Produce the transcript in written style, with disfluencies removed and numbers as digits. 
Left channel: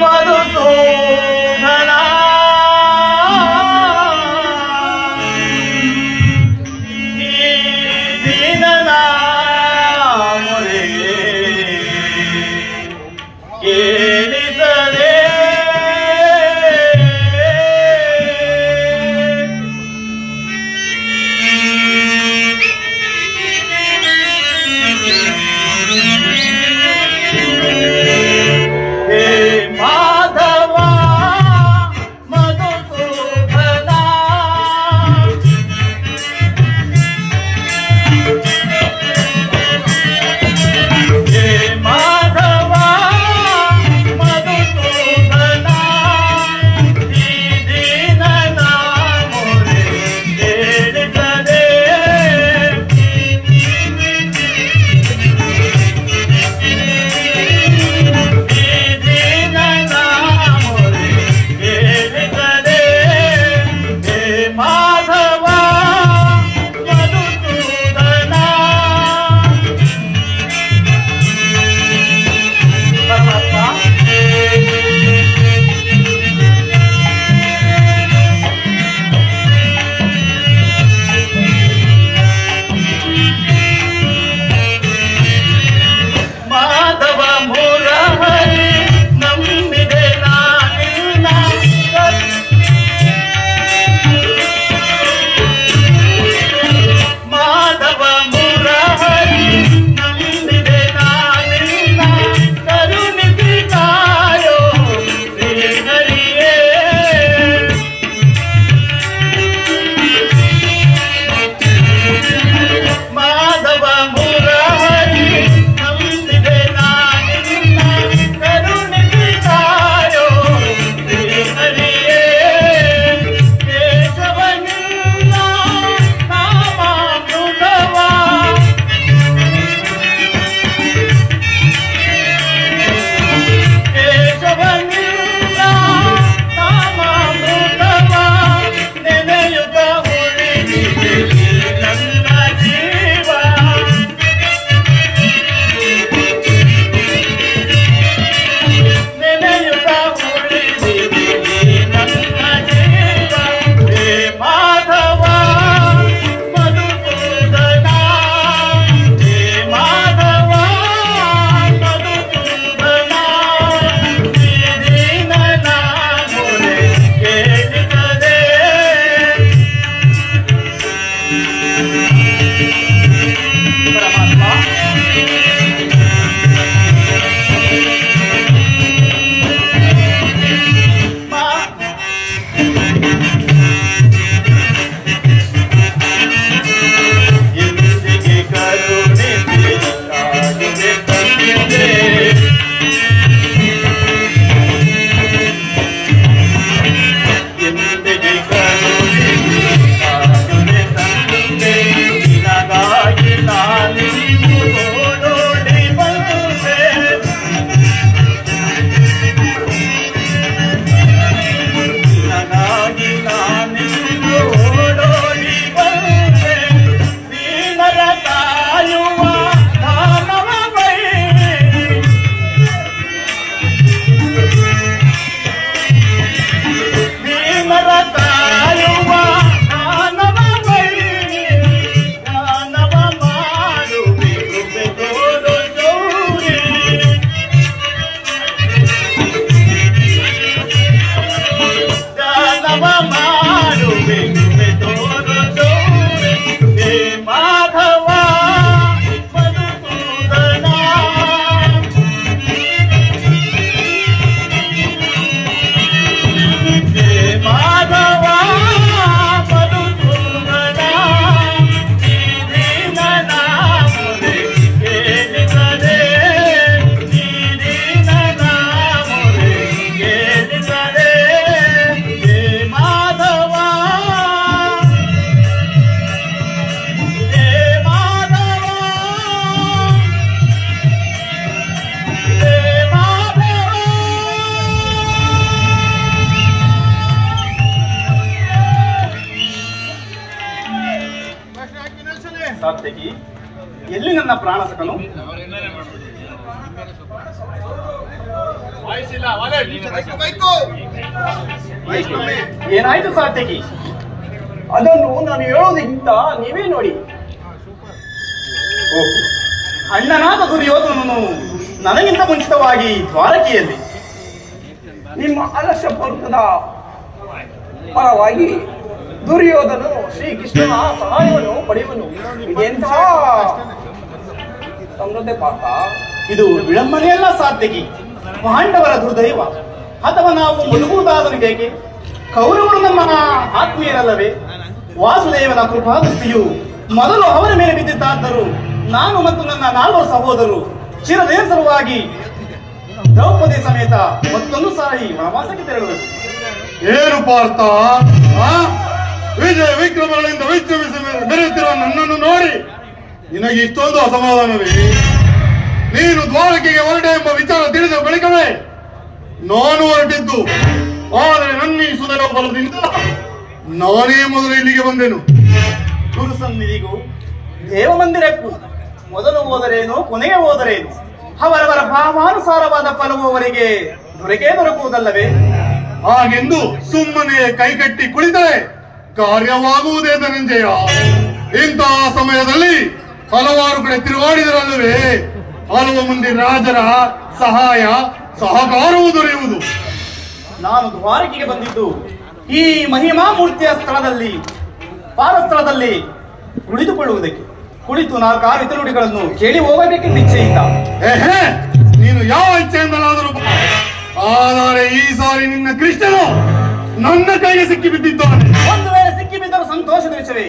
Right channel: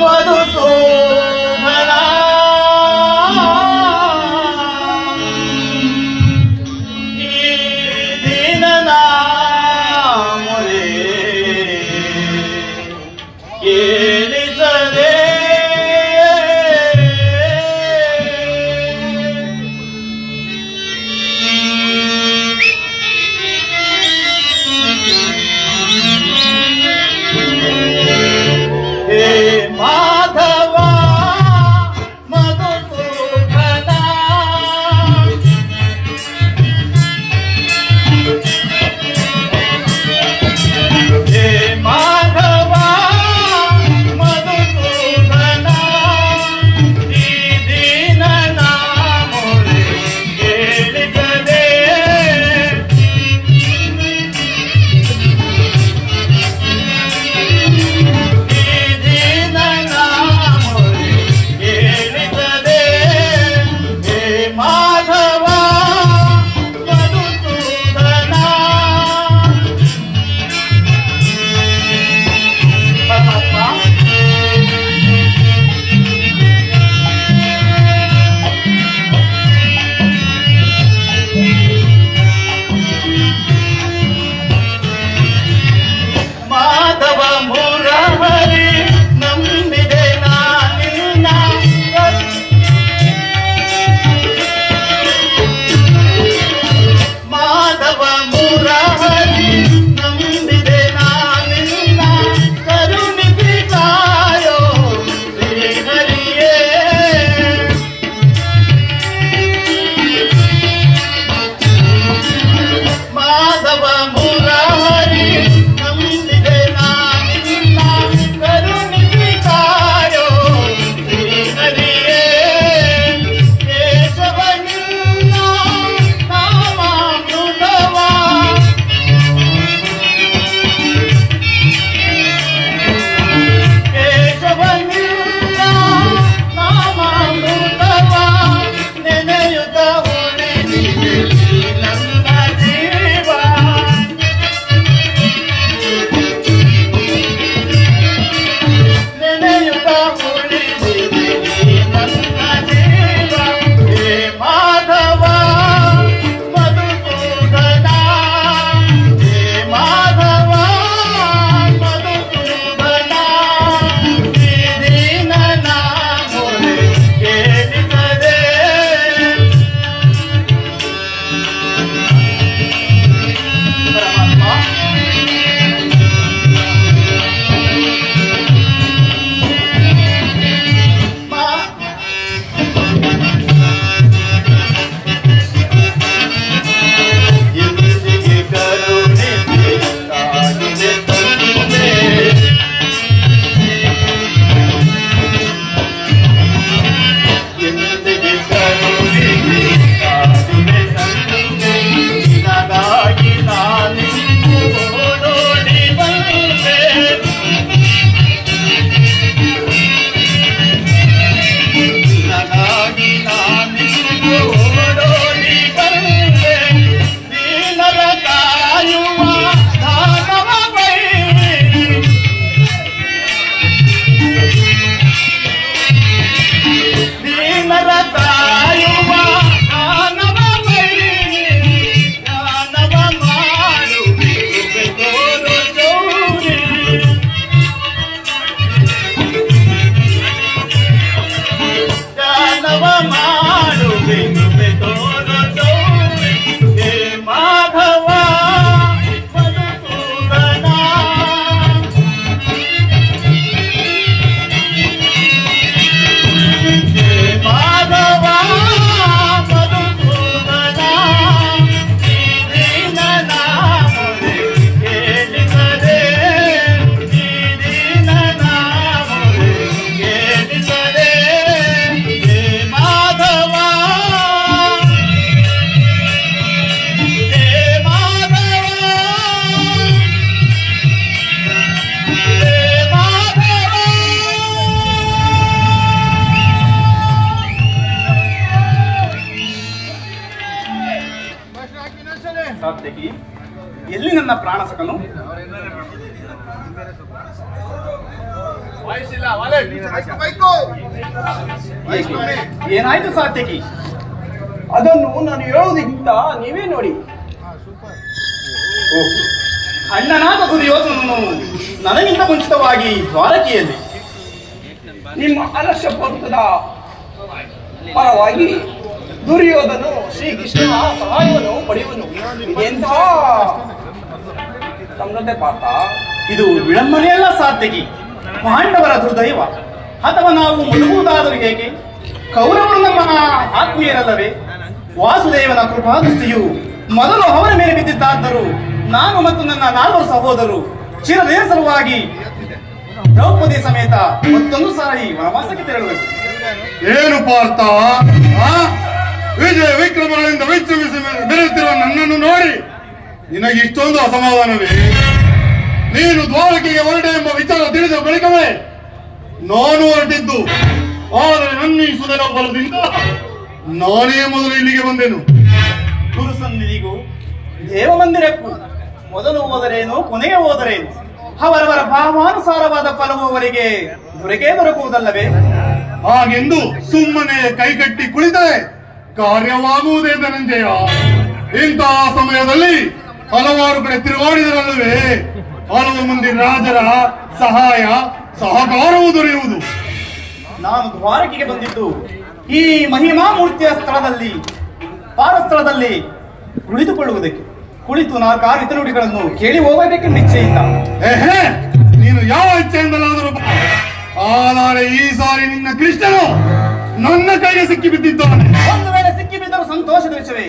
मधुसूदना दीननाम रे केलिसरे हे माधव ಏನಾಯ್ತು ಸಾತ್ಯಕಿ? ಅದನ್ನು ನಾನು ಹೇಳೋದಕ್ಕಿಂತ ನೀವೇ ನೋಡಿ. ಅಣ್ಣನಾದ ದುರ್ಯೋಧನನು ನನಗಿಂತ ಮುಂಚಿತವಾಗಿ ದ್ವಾರಕೆಯಲ್ಲಿ ನಿಮ್ಮ ಆಲಸ್ಯ ಪೂರ್ವದ ಪರವಾಗಿ ದುರ್ಯೋಧನು ಶ್ರೀಕೃಷ್ಣನ ಸಹಾಯವನ್ನು ಪಡೆಯುವನು. ಎಂಥ ಸಮೃದ್ಧ ಪಾತ! ಇದು ವಿಡಂಬನೆಯಲ್ಲ ಸಾತ್ಯಕಿ, ಪಾಂಡವರ ದುರ್ದೈವ. ಅಥವಾ ನಾವು ಮುಳುಗುವುದಾದರೂ ಹೇಗೆ? ಕೌರವರು ನಮ್ಮ ಆತ್ಮೀಯರಲ್ಲವೇ? ವಾಸುದೇವನ ಕೃಪಾದೃಷ್ಟಿಯು ಮೊದಲು ಅವರ ಮೇಲೆ ಬಿದ್ದಿದ್ದಾದರೂ ನಾನು ಮತ್ತು ನನ್ನ 4 ಸಹೋದರರು ಚಿರದಿನ ಸಲುವಾಗಿ ದ್ರೌಪದಿ ಸಮೇತ ಮತ್ತೊಂದು ಸಾರಿ ವನವಾಸಕ್ಕೆ ತೆರಳಬೇಕು. ಏನು ಪಾರ್ಥ, ವಿಜಯ ವಿಕ್ರಮಗಳಿಂದ ವಿಜೃಂಭಿಸಿ ಮೆರೆಯುತ್ತಿರುವ ನನ್ನನ್ನು ನೋಡಿ ನಿನಗೆ ಇಷ್ಟೊಂದು ಅಸಮಾಧಾನವೇ? ನೀನು ದ್ವಾರಕೆಗೆ ಹೊರಟೆ ಎಂಬ ವಿಚಾರ ತಿಳಿದ ಬಳಿಕವೇ ನಾನು ಹೊರಟಿದ್ದು. ಆದರೆ ನನ್ನ ಈ ಸುಧರ ಬಲದಿಂದ ನಾನೇ ಮೊದಲು ಇಲ್ಲಿಗೆ ಬಂದೆನು. ಗುರುಸನ್ನಿಧಿಗೂ ದೇವಮಂದಿರಕ್ಕೂ ಮೊದಲು ಹೋದರೇನು, ಕೊನೆಗೆ ಹೋದರೇನು? ಅವರವರ ಭಾವಾನುಸಾರವಾದ ಫಲವು ಅವರಿಗೆ ದೊರಕುವುದಲ್ಲವೇ? ಹಾಗೆಂದು ಸುಮ್ಮನೆ ಕೈಕಟ್ಟಿ ಕುಳಿತರೆ ಕಾರ್ಯವಾಗುವುದೇ ಧನಂಜಯ. ಇಂತಹ ಸಮಯದಲ್ಲಿ ಹಲವಾರು ಕಡೆ ತಿರುಗಾಡಿದರಲ್ಲವೇ ಹಲವು ಮಂದಿ ರಾಜರ ಸಹಾಯ ಸಹಕಾರವೂ ದೊರೆಯುವುದು. ನಾನು ದ್ವಾರಕೆಗೆ ಬಂದಿದ್ದು ಈ ಮಹಿಮಾ ಮೂರ್ತಿಯ ಸ್ಥಳದಲ್ಲಿ ಪಾದಸ್ಥಳದಲ್ಲಿ ಕುಳಿತುಕೊಳ್ಳುವುದಕ್ಕೆ. ಕುಳಿತು 4 ಹಿತನುಡಿಗಳನ್ನು ಕೇಳಿ ಹೋಗಬೇಕೆಂದು ಇಚ್ಛೆಯಿಂದ. ನೀನು ಯಾವ ಇಚ್ಛೆಯಿಂದಲಾದರೂ ಆದರೆ ಈ ಸಾರಿ ನಿನ್ನ ಕೃಷ್ಣನು ನನ್ನ ಕೈಗೆ ಸಿಕ್ಕಿ ಬಿದ್ದಿದ್ದಾನೆ. ಒಂದು ವೇಳೆ ಸಿಕ್ಕಿ ಬಿದ್ದರೂ ಸಂತೋಷದ ವಿಷಯವೇ.